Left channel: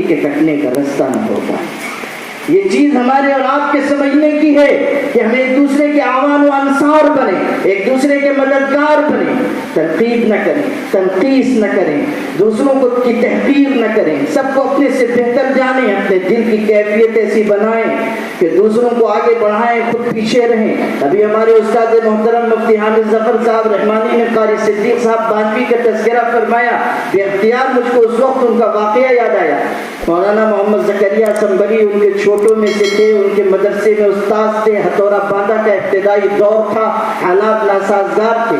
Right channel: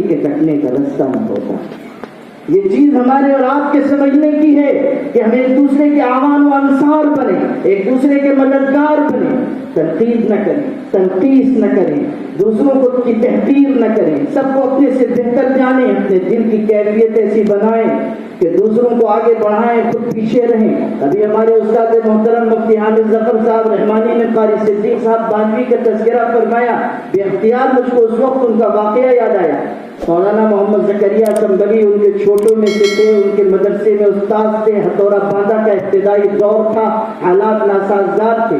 لکڑی کے کٹنے کا رستہ نہ ہوتا۔ یہ چیز ہمارے اور آپ کے سمجھنے کی ہے کہ ہم ایک دوسرے کے اعوان و انصار بنیں، ایک دوسرے کے مددگار بنیں، تنقید نہ کریں، تنقیس نہ کریں، دوسروں کو کی تحقیر نہ کریں، سب کو اپنے سے بہتر جانیں، اپنے دل کی کیفیت ایسی بنائیں کہ دوسروں کو آگے بڑھائیں، خود پیچھے رہیں۔ ابھی ہمارے استاد محترم مفتی حامد ظفر صاحب رحمانی نے قاری صدیق صاحب بانوی کا تذکرہ فرمایا، بے اختیار مجھ کو اس وقت ان کا واقعہ یاد آیا۔ مولانا محمد زکریا سنبری ان کے چھوٹوں میں سے تھے، ان کے مدرسے میں استاد تھے، ہتھوڑا باندھا کا ابتدائی دور تھا، حالات ناسازگار تھے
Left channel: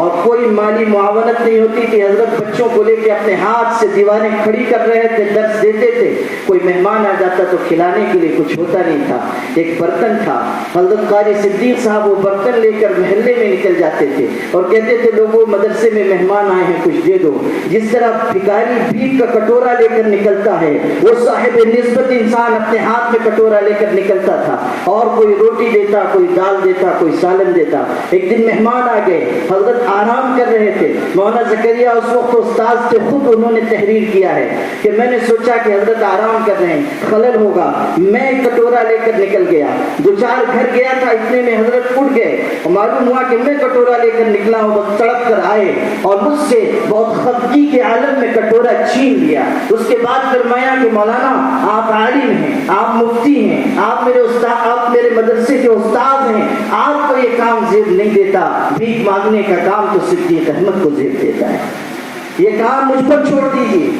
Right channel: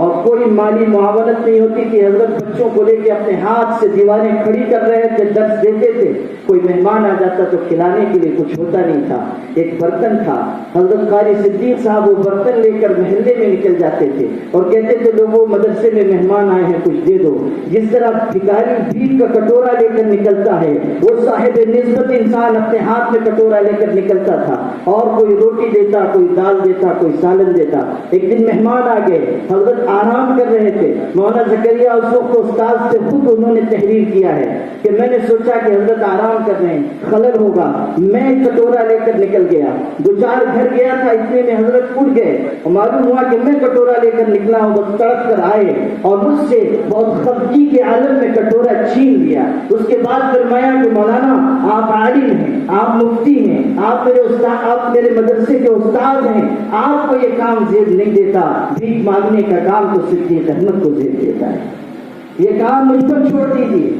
اور کوئی مالی معاونت نہیں ہوتی تھی۔ حضرت بچوں کو لے کے اپنے ہاتھ سے دیواریں کھڑی کر رہے تھے، درس دیتے تھے، کوئی مہمان آ جاتا تو کھلانے کے لیے کچھ ہوتا نہیں تھا، ایک برتن تھا۔ حضرت قاری صدیق صاحب وہ برتن لے کر محلے میں نکل جاتے تھے اور کہتے تھے لوگوں مدرسے میں مہمان آئے ہیں کچھ دے دو۔ جس طرح بھکاری بھیک کا کٹورا لے کر نکلتا ہے، وہ صاحب نسبت انسان اپنے ہاتھ میں کٹورا لے کر نکلتا تھا اور کوئی روٹی دیتا، کوئی دال دیتا، کوئی سالن دیتا۔ ایک دن مہمان آ گئے، حضرت آرام کر رہے تھے، مولانا زکریا اس وقت استاد سے خود انہوں نے تحریر کیا ہے کہ میں نے سوچا کہ حضرت آرام کر رہے ہیں، خلل ہوگا، میں کٹورا لے کر نکل گیا، دو چار گھر گیا تھا، اتنے میں حضرت اٹھ گئے اور معلوم ہوا کہ میں کٹورا لے کر نکلا ہوں، بس تڑپ کر آئے اور مجھ سے بہت خفگی کے عالم میں کٹورا چھین لیا۔ اس کے بعد فرمایا کہ مولانا آپ عالم ہیں، آپ مفتی ہیں، آپ میرے استاد، آپ میرے مدرسے کے استاد ہیں، آپ کو یہ کام زیب نہیں دیتا، بھیک مانگنے کا کام تو صدیق احمد کو زیب دیتا ہے، یہ کام مجھ پر چھوڑ دیجیے۔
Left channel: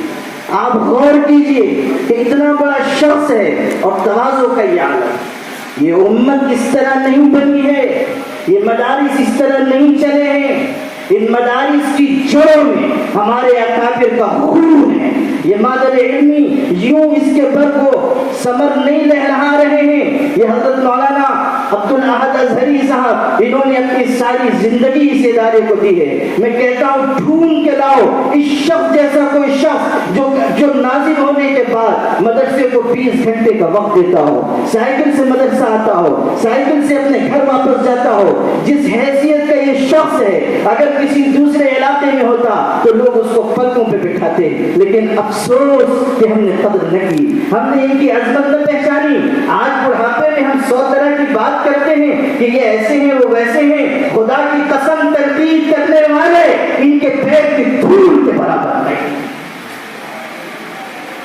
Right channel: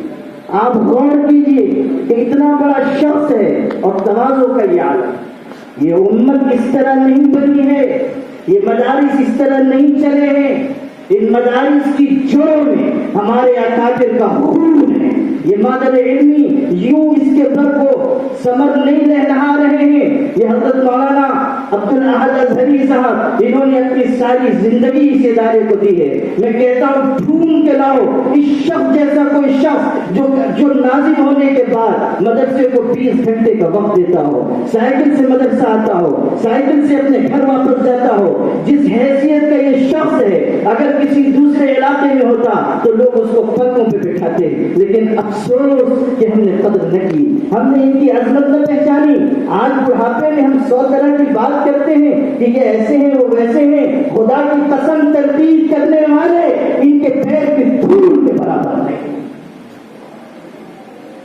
آپ غور کیجئے کہ اتنا بڑا شخص ہے اور تواضع کا یہ عالم، یہ امت اس طرح نہیں بنی ہے، یہ مدارس اس طرح نہیں چلے ہیں، ان مدارس کی جڑوں میں ہمارے اکابر کا خون ہے۔ یہ مادر علمی یوں اس کے بر کو ثمر نہیں لہرا رہے ہیں، یہ حضرت مولانا عبدالاحد ازہری صاحب انہوں نے اپنی ساری زندگی اس ادارے کو دی ہے۔ میں کہتا ہوں ڈھونڈ کے لاؤ اس شخص جیسا کوئی شخص جو نازل ہونے کے بعد مدرسے کو 20 گھنٹے کا وقت دیتا ہو، سائیکل سے مدرسہ آتا ہو، سائیکل سے اپنے گھر واپس جاتا ہو۔ جس حیثیت کا یہ شخص ہے، اگر کسی دوسرے علاقے میں ہوتا تو لوگ اس کو پلکوں پہ بٹھاتے، لیکن افسوس کہ ہم نے قدر نہ کی، ہم نے ان کی عظمت نہ پہچانی۔ آج بڑھاپے میں ہم 100 طرح کی بات کرتے ہیں کہ یہ ایسے ہیں وہ ویسے ہیں، خدا کی قسم تنقید کرنے والے ان کے پیر کی دھول کے برابر نہیں۔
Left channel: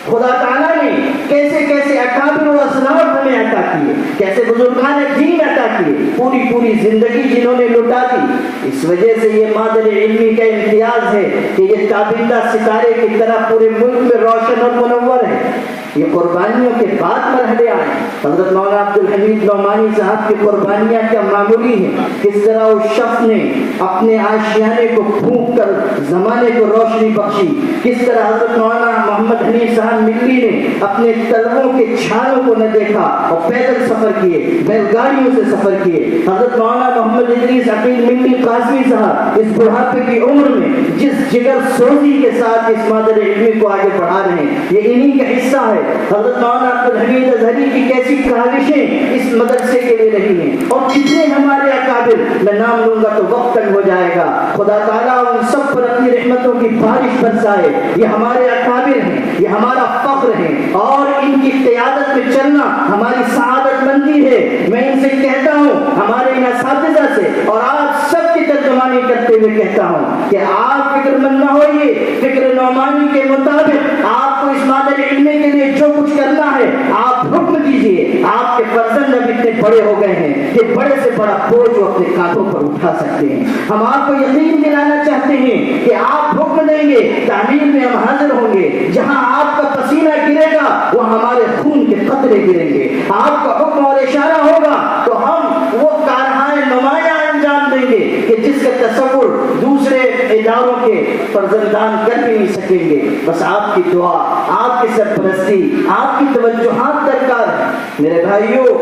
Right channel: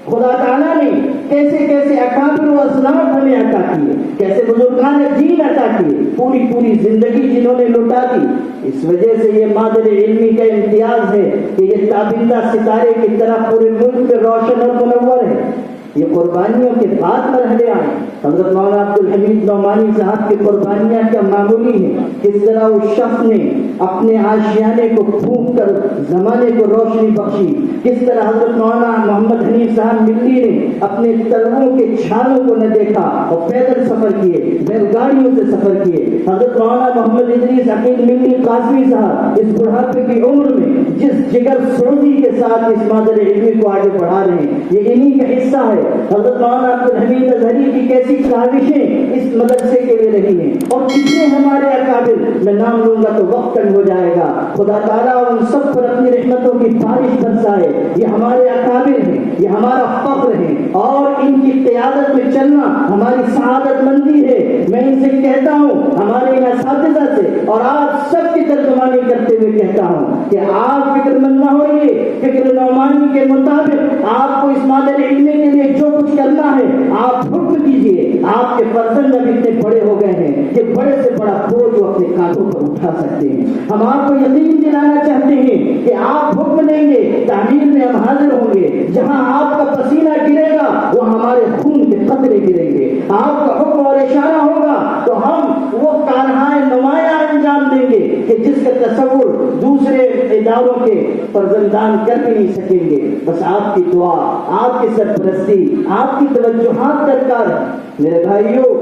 خدا تعالیٰ نے کیسے کیسے اکابر و اسلاف ہمیں عطا کیے، کیسے بزرگان دین عطا کیے، پوری زندگی جنہوں نے لٹا دی۔ اس وجہ سے یہ مادر علمی کا امتیاز ہے کہ یہ تابندہ ستارے کی طرح پورے ملک میں روشن اور منور ہے۔ یہ قربانیوں کے بعد مرحلے آئے۔ حضرت مولانا عبدالحمید نعمانی صاحب کی قربانیاں کیا معمولی ہیں، کس طرح اس شخص نے اپنے آشیانے کو پھونک کر زمانے کو روشنی بخشی، کس طرح حضرت مولانا محمد حنیف صاحب ملی نے اپنے طلبوں کے چھالوں کو نہ دیکھا اور پیدل سفر کیے، بیل گاڑیوں سے سفر کیے۔ حضرت مولانا محمد ادریس عقیل ملی قاسمی صاحب اس بڑھاپے کی عمر میں جس جگر سوزی کے ساتھ اس مادر علمی کو آگے بڑھا رہے ہیں، یہ انہی کا حصہ ہے۔ حضرت مولانا عبدالحمید ازہری کی کیسی کاوشیں اس مدرسے کے لیے رہی ہیں، اور کتنے ہمارے اکابر، میں نام لوں گا تو وقت تنگ ہو جائے گا، خدا تعالیٰ ان سب پر اپنی رحمتوں کی بارش برسائے۔ یہ ہمارے اکابر ہیں، یہ ہمارا فخر ہے اور ان کی قیادت میں چلنا ہماری سعادت مندی ہے۔ میں ان سے کہتا ہوں، ہمارے اساتذہ سے اور آپ سب کی ترجمانی کرتے ہوئے کہتا ہوں کہ آپ فکر مند نہ ہوئیے، فکر نعمانی کے مطابق آپ کو اس مادر علمی کے لیے جو کچھ کرنا ہے آپ حکم دیجئے۔ آپ کے فرزند اب اتنے بڑے ہو گئے ہیں کہ بڑے سے بڑا بوجھ وہ اپنے کاندھوں پر اٹھا سکتے ہیں۔ ہم آپ کو یقین دلانا چاہتے ہیں کہ آپ حکم دیں گے، تعمیر میں ہم حاضر ہوں گے، جہاں آپ کا پسینہ گرے گا وہ ہمارے خون کے قطرے گریں گے، آپ کا حکم اور اشارہ ہوگا تو ہم وہ کارنامے نمایاں انجام دیں گے کہ جس کا تصور دوسرے اداروں کے فرزندان کر بھی نہیں سکیں گے۔ بس آپ کی دعا، آپ کی سرپرستی، آپ کی توجہات درکار ہے۔ میرے بھائیوں،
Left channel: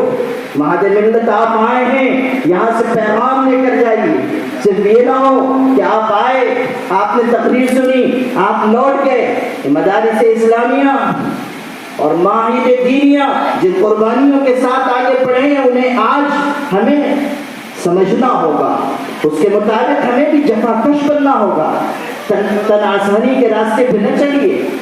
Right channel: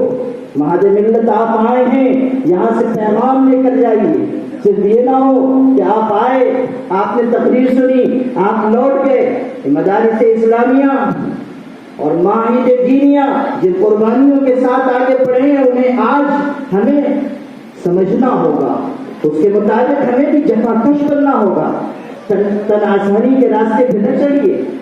مہد ملت آپ آئے ہیں، یہاں سے پیغام لے کر جائیے۔ صرف یہ نہ ہو کہ آپ آئے، آپ نے تقریر سنی، آپ لوٹ گئے۔ مدارس اسلامیہ اور معاہد دینیہ جن قربانیوں کے ساتھ آگے بڑھے ہیں انہیں آج ہمیں سمجھنا ہوگا، اس کے مطابق ہمیں بھی جفا کش بننا ہوگا۔ تن آسانی کے راستے پہ نہ چلیے،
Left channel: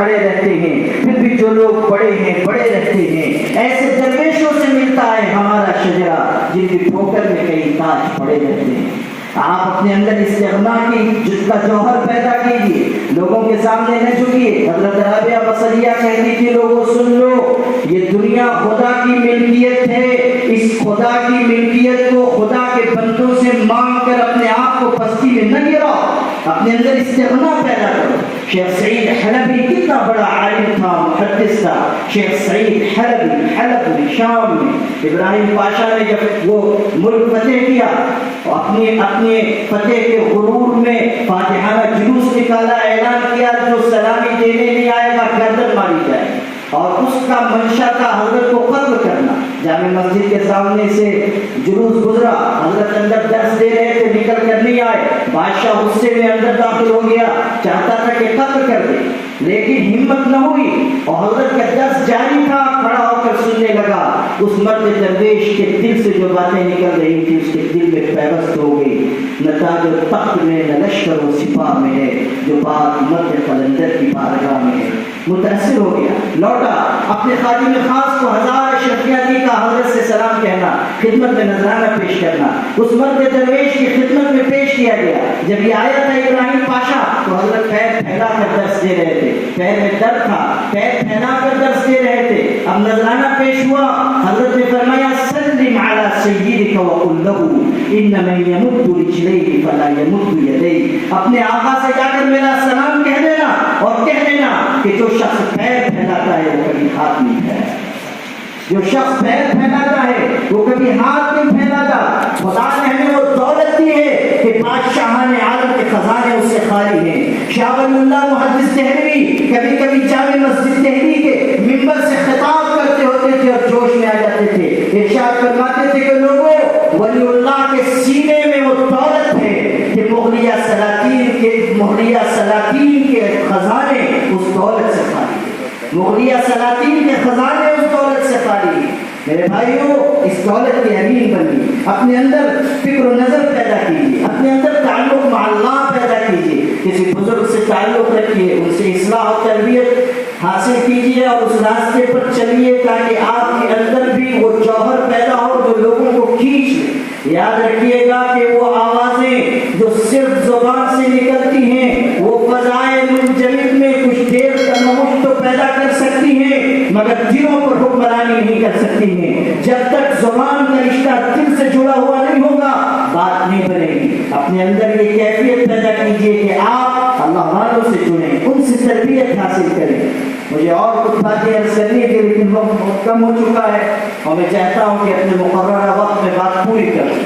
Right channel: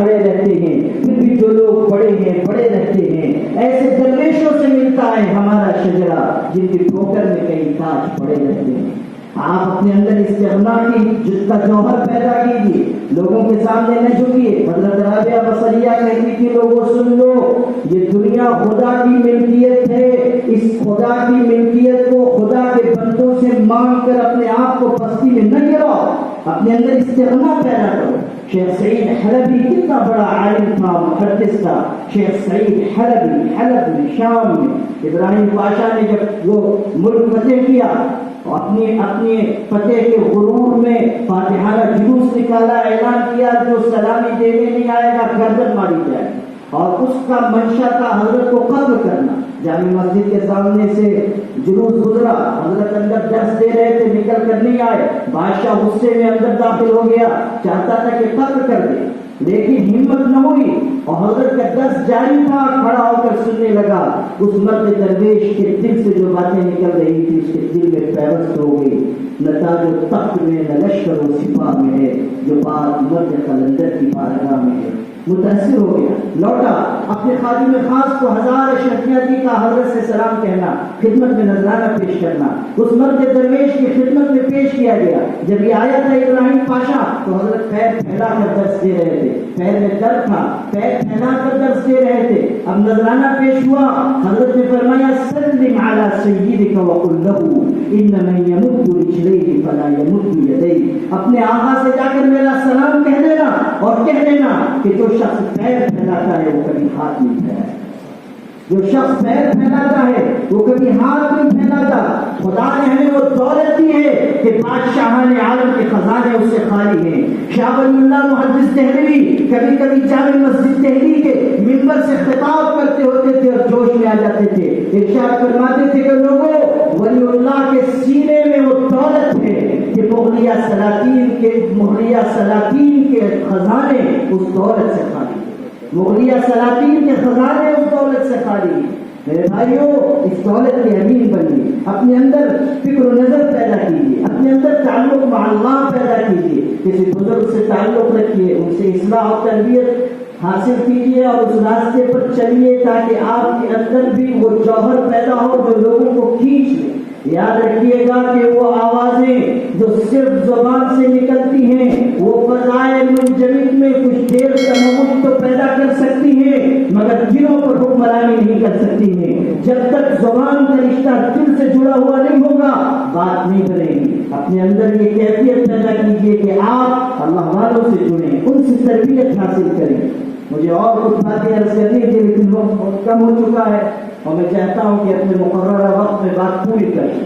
کھڑے رہتے ہیں، پھر بھی جو لوگ بڑے ہیں بڑے رہتے ہیں، ایسے درویشوں سے ملتا ہے ہمارا شجرا جن کی ٹھوکر میں کئی تاج پڑے رہتے ہیں۔ آپ اپنے اندر استغنا کی جس کا جوہر پیدا کیجیے، لوگوں کے سامنے نہ جھکیے۔ حضرت رابعہ بصریہ کہتی تھی لوگوں سن لو، یہ دنیا خدا کی ملکیت ہے، اس خدا کی ملکیت کو خدا کے بندوں سے مانگ کر اپنے آپ کو پستی میں نہ گراؤ، اپنے اندر استغنا پیدا کرو۔ شیخ سعید حلبی کتنا بڑا عالم تھا، محدث تھا۔ شیخ سعید حلبی حلب میں شام میں ابراہیم پاشا نے جب وہ ملک فتح کیا، اپنے فتح کے غرور میں فاتحانہ جلوس نکالا، اعلان کیا جو سلامی دینے نہیں آئے گا گردن ماری جائے، اور اس کا منشا تھا حضرت کو قتل کرنا۔ جامع مسجد کے سامنے سے جلوس گزرا، حضرت اندر درس دے رہے تھے، نکل کر نہیں آئے، بادشاہ غصے میں اندر داخل ہو گیا، چاہتا تھا کہ قتل کر دے، لیکن ہمت نہ ہوئی، اور حضرت کا درس جاری تھا، کھڑا ہو کر سننے لگا۔ اس مرد درویش کے دل سے جو باتیں نکل رہی تھی اس کے دل میں پیوست ہو گئی۔ نہ تاج و تخت میں نہ لشکر و سپاہ میں ہے، جو بات مرد قلندر کی بارگاہ میں ہے۔ متاثر ہو گیا، لوٹا، اپنے خادم خاص کو ہزار اشرفیہ دی کا حضرت سے سلام کہنا، خدمت میں نذرانہ پیش کرنا، اس مرد درویش کی خدمت میں پیش کیا گیا۔ جب یہ آیا تھا ابراہیم پاشا تو حضرت پیر پھیلا کر درس دے رہے تھے، پیر میں درد تھا، پیر پھیلا کر درس دے رہے تھے۔ اب نذرانہ پیش ہوا، حضرت نے فرمایا سلم علی سیدک وقل لہ ان من یمد رجلیہ فلا یمد یدیہ، اپنے آقا سے جا کر میرا سلام کہہ دینا اور کہہ دینا کہ جو شخص پیر پھیلاتا ہے وہ کبھی ہاتھ نہیں پھیلاتا، جو شخص پیر پھیلاتا ہے وہ کبھی ہاتھ نہیں پھیلاتا۔ خدا نے ہمیں وہ دولت دی ہے کہ بادشاہان عالم کے خزانے اس سے خالی ہیں۔ شاہ ولی اللہ محدث دہلوی کبھی کبھی جامع مسجد دہلی کے منبر سے خطاب کرتے ہوتے تھے اور جوش میں آ جاتے تھے، ارشاد فرماتے تھے کہ لوگوں، ولی اللہ کے سینے میں وہ دولت ہے کہ مغلیہ سلاطین کے خزانے اس دولت سے خالی ہیں، مغلیہ سلاطین کے خزانے اس دولت سے خالی ہیں۔ میرے بھائیوں، اس دولت کے امین بنیے، اپنے اندر فکر و نظر پیدا کیجیے، اپنے اندر تعلق مع اللہ پیدا کیجیے، کسی بزرگ سے تعلق رکھیے، ان سے اصلاح و تربیت حاصل کیجیے اور اس راستے پر چلیے تاکہ آپ کے اندر بھی وہ جوہر پیدا ہو جو لوگوں کو کھینچ لے۔ یاد رکھیے گا کہ وہ آوازیں جو صرف زبان سے نکلتی ہیں وہ فضائے منجمد میں کچھ دیر تموج تو پیدا کر سکتی ہیں مگر دلوں پر حکمرانی نہیں کر سکتی ہیں۔ جب تک زبان کا رشتہ دل سے جڑا ہوا نہیں ہوگا بات نہیں بنے گی۔ اپنے اندر یہ کیفیت پیدا کیجیے کہ آپ اللہ والوں سے جڑیں، ان سے تربیت حاصل کریں۔ مجھے اور کچھ باتیں عرض کرنی تھی لیکن وقت بہت کم ہو چکا ہے اور میں چاہتا ہوں کہ اپنے مقررہ وقت میں بات پوری کروں۔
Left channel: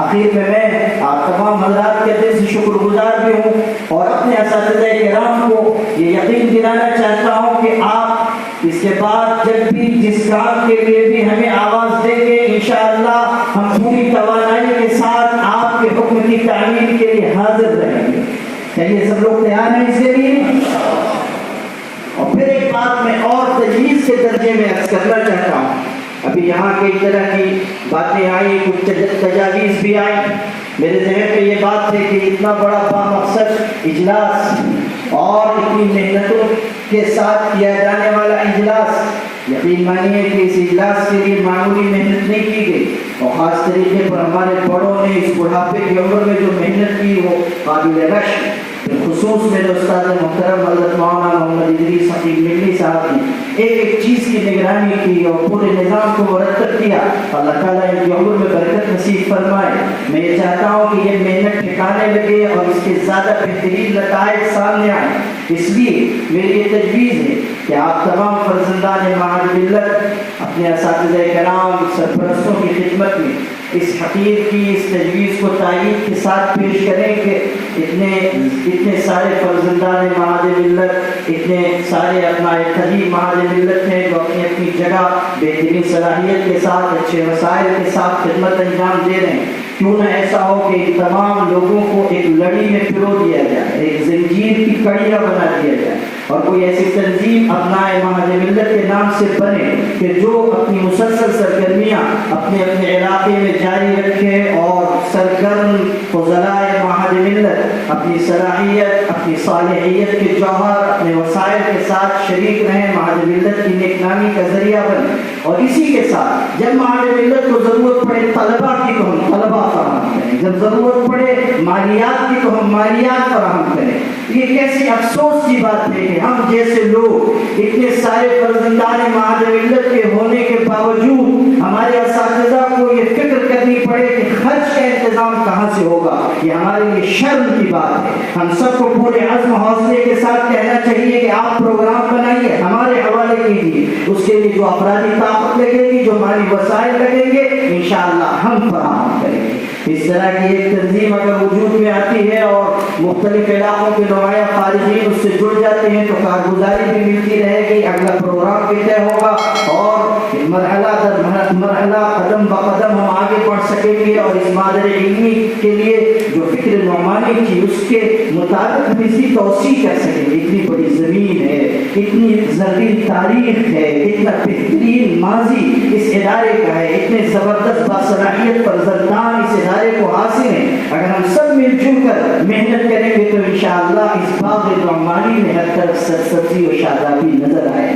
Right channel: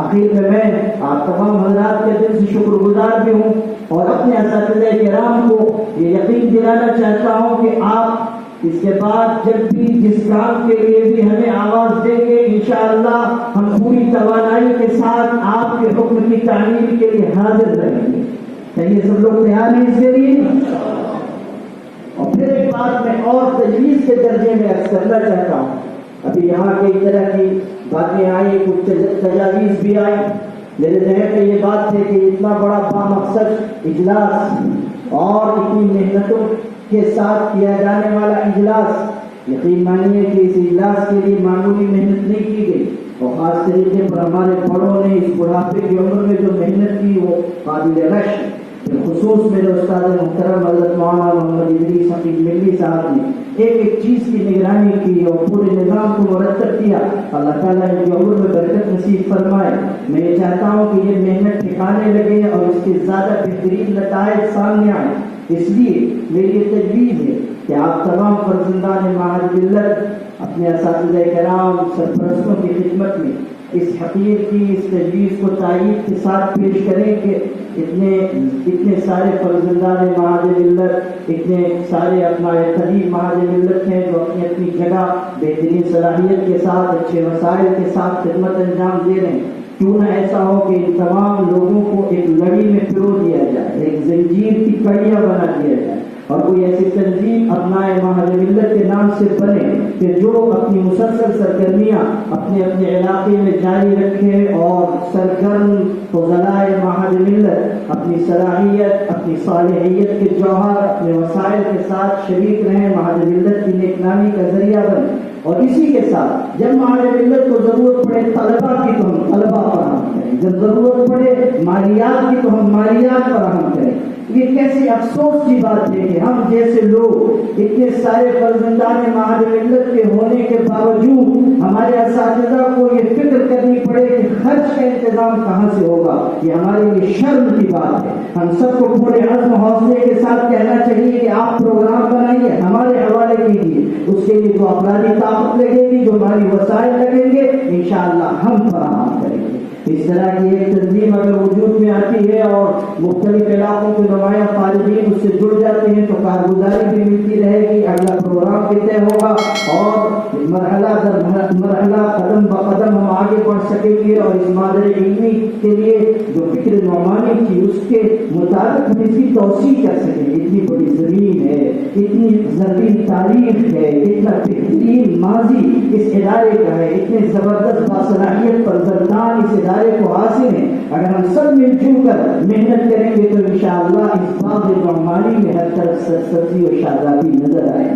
آخر میں آپ تمام حضرات کے دل سے شکر گزار بھی ہوں اور اپنے اساتذہ کرام کو یہ یقین دلانا چاہتا ہوں کہ آپ اس کے بعد جب بھی جس کام کے لیے بھی ہمیں آواز دیں گے انشاءاللہ ہم پوری توانائی کے ساتھ آپ کے حکم کی تعمیل کے لیے حاضر رہیں گے۔ چلیے سب لوگ تیار ہیں اس کے لیے؟ اور پھر ایک بات میں اور تجویز کے درجے میں عرض کرنا چاہتا ہوں۔ ابھی یہاں کئی طرح کی باتیں آئی، کچھ تجاویز بھی آئی، میرے ذہن میں یہ بات تھی کہ اتنا بڑا بامقصد اجلاس اور اتنی محنتوں کے ساتھ کیا جانے والا اجلاس، یقین مانیے کہ اس اجلاس کے لیے معمولی محنت نہیں کی گئی اور خاص طریقے پر ہمارے بڑوں نے اس بڑھاپے کی عمر میں جو محنت کی وہ قابل رشک۔ بالخصوص میرے استاد محترم حضرت مولانا محمد ادریس حقیق ملی صاحب نے ایک چیز کی نگرانی کی اور پورے نظام کو مرتب کیا۔ اللہ تعالیٰ ان کی عمر میں برکت نصیب فرمائے۔ میں یہ چاہتا ہوں کہ یہ محنت ٹھکانے لگے اور اس کے زیادہ بہترین نتائج سامنے آئیں۔ اس لیے میری یہ تجویز ہے کہ آپ تمام فرزندان معہد ملت اپنے اساتذہ کرام سرپرستوں کی خدمت میں اس حقیر کی اس تجویز کو تائید کے ساتھ پیش کریں کہ اتنے سارے فرزندان معہد ملت، اتنے سارے اپنا قدیم معہد ملت ہیں جو اپنی اپنی جگہ بہترین صلاحیت کے ساتھ اچھے وسائل کے ساتھ خدمت انجام دے رہے ہیں۔ کیوں نہ ایسا ہو کہ ان تمام لوگوں کو ایک لڑی میں پرو دیا جائے، ایک زنجیر کی کڑیاں بنا دیا جائے اور کوئی ایسی تنظیم اپنائے معہد ملت کے نام سے بنے کہ جو اپنی مسلسل سرگرمیاں اپنے اپنے علاقے میں جاری رکھے اور سرگرم فضلائے معہد معہد ملت اپنی صلاحیت، اپنی صالحیت کے جوہر، اپنے وسائل کے ساتھ شریک رہیں، معہد ملت کی نیک نامی کا ذریعہ بنے. اور اسی کے ساتھ جب معہد ملت کو ضرورت پڑے طلبہ کی تو ہم طلبہ فراہم کریں، جب ضرورت پڑے مالیات کی تو ہم مالیات فراہم کریں. یہ کیسی افسوس کی بات ہے کہ ہم جیسے لوگ اتنے سارے فرزندان معہد ملت کے ہونے کے باوجود ہمارے اساتذہ کو یہ فکر کرنی پڑے کہ خرچ کا انتظام کہاں سے ہوگا. یہ ہمارے لیے شرم کی بات ہے. ہم سب کو پورے عزم حوصلے کے ساتھ کہنا چاہیے کہ آپ پروگرام بنائیے، ہمارے حوالے کیجیے. اس کے لیے جو افرادی طاقت لگے گی، جو مالی وسائل لگیں گے، انشاءاللہ ہم فراہم کریں گے. اس طرح کی ایک تنظیم اگر وجود میں آتی ہے اور مختلف علاقوں کے نمایاں خارجین اس سے جڑ جاتے ہیں تو کارگزاری بھی ملتی رہے گی، اگلا پروگرام بھی طے ہوگا اور مرحلہ در مرحلہ قدم بقدم ہم آگے بڑھ سکیں گے. اور اس مادر علمی کے لیے جو فکر نعمانی تھی اس کے مطابق ہم اس کی توسیع کر سکیں. اتنی بڑی زمین ہے، اتنی زرعی تاریخ ہے، اتنا بہترین ماضی اس ادارے کا ہے، اتنے زبردست باصلاحیت فرزندان اس ادارے کو حاصل ہیں. اگر ہم سب مل جل کر محنت کریں گے تو انشاءاللہ اس باغ نعمانی میں ہر طرف سرسبزی و شادابی نظر آئے.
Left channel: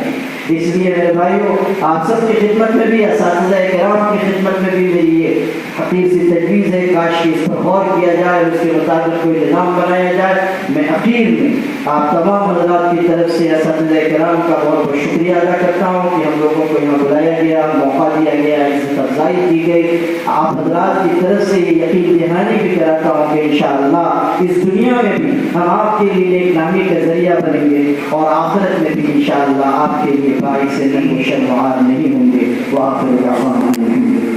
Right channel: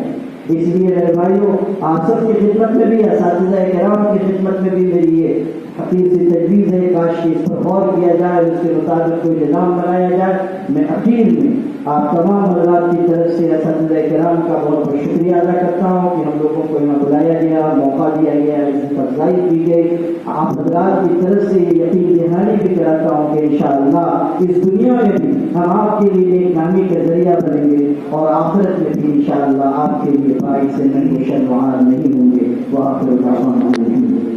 اس لیے میرے بھائیوں، آپ سب کی خدمت میں بھی، اساتذہ کرام کی خدمت میں بھی میری یہ حقیر سی تجویز ہے، کاش کہ اس پر غور کیا جائے، اس کے مطابق کوئی نظام بنایا جائے. میں اخیر میں آپ تمام حضرات کی طرف سے اساتذہ کرام کا بہت بہت شکریہ ادا کرتا ہوں کہ ہم لوگوں کو یہاں بلایا گیا، موقع دیا گیا، عزت افزائی کی گئی. آپ حضرات کی طرف سے یہ یقین دہانی بھی کراتا ہوں کہ انشاءاللہ اس دنیا میں بھی ہم آپ کے لیے ایک نامی کا ذریعہ بنیں گے اور آخرت میں بھی انشاءاللہ آپ کے لیے باعث نشر و شرم نہیں ہوں گے. وآخر دعوانا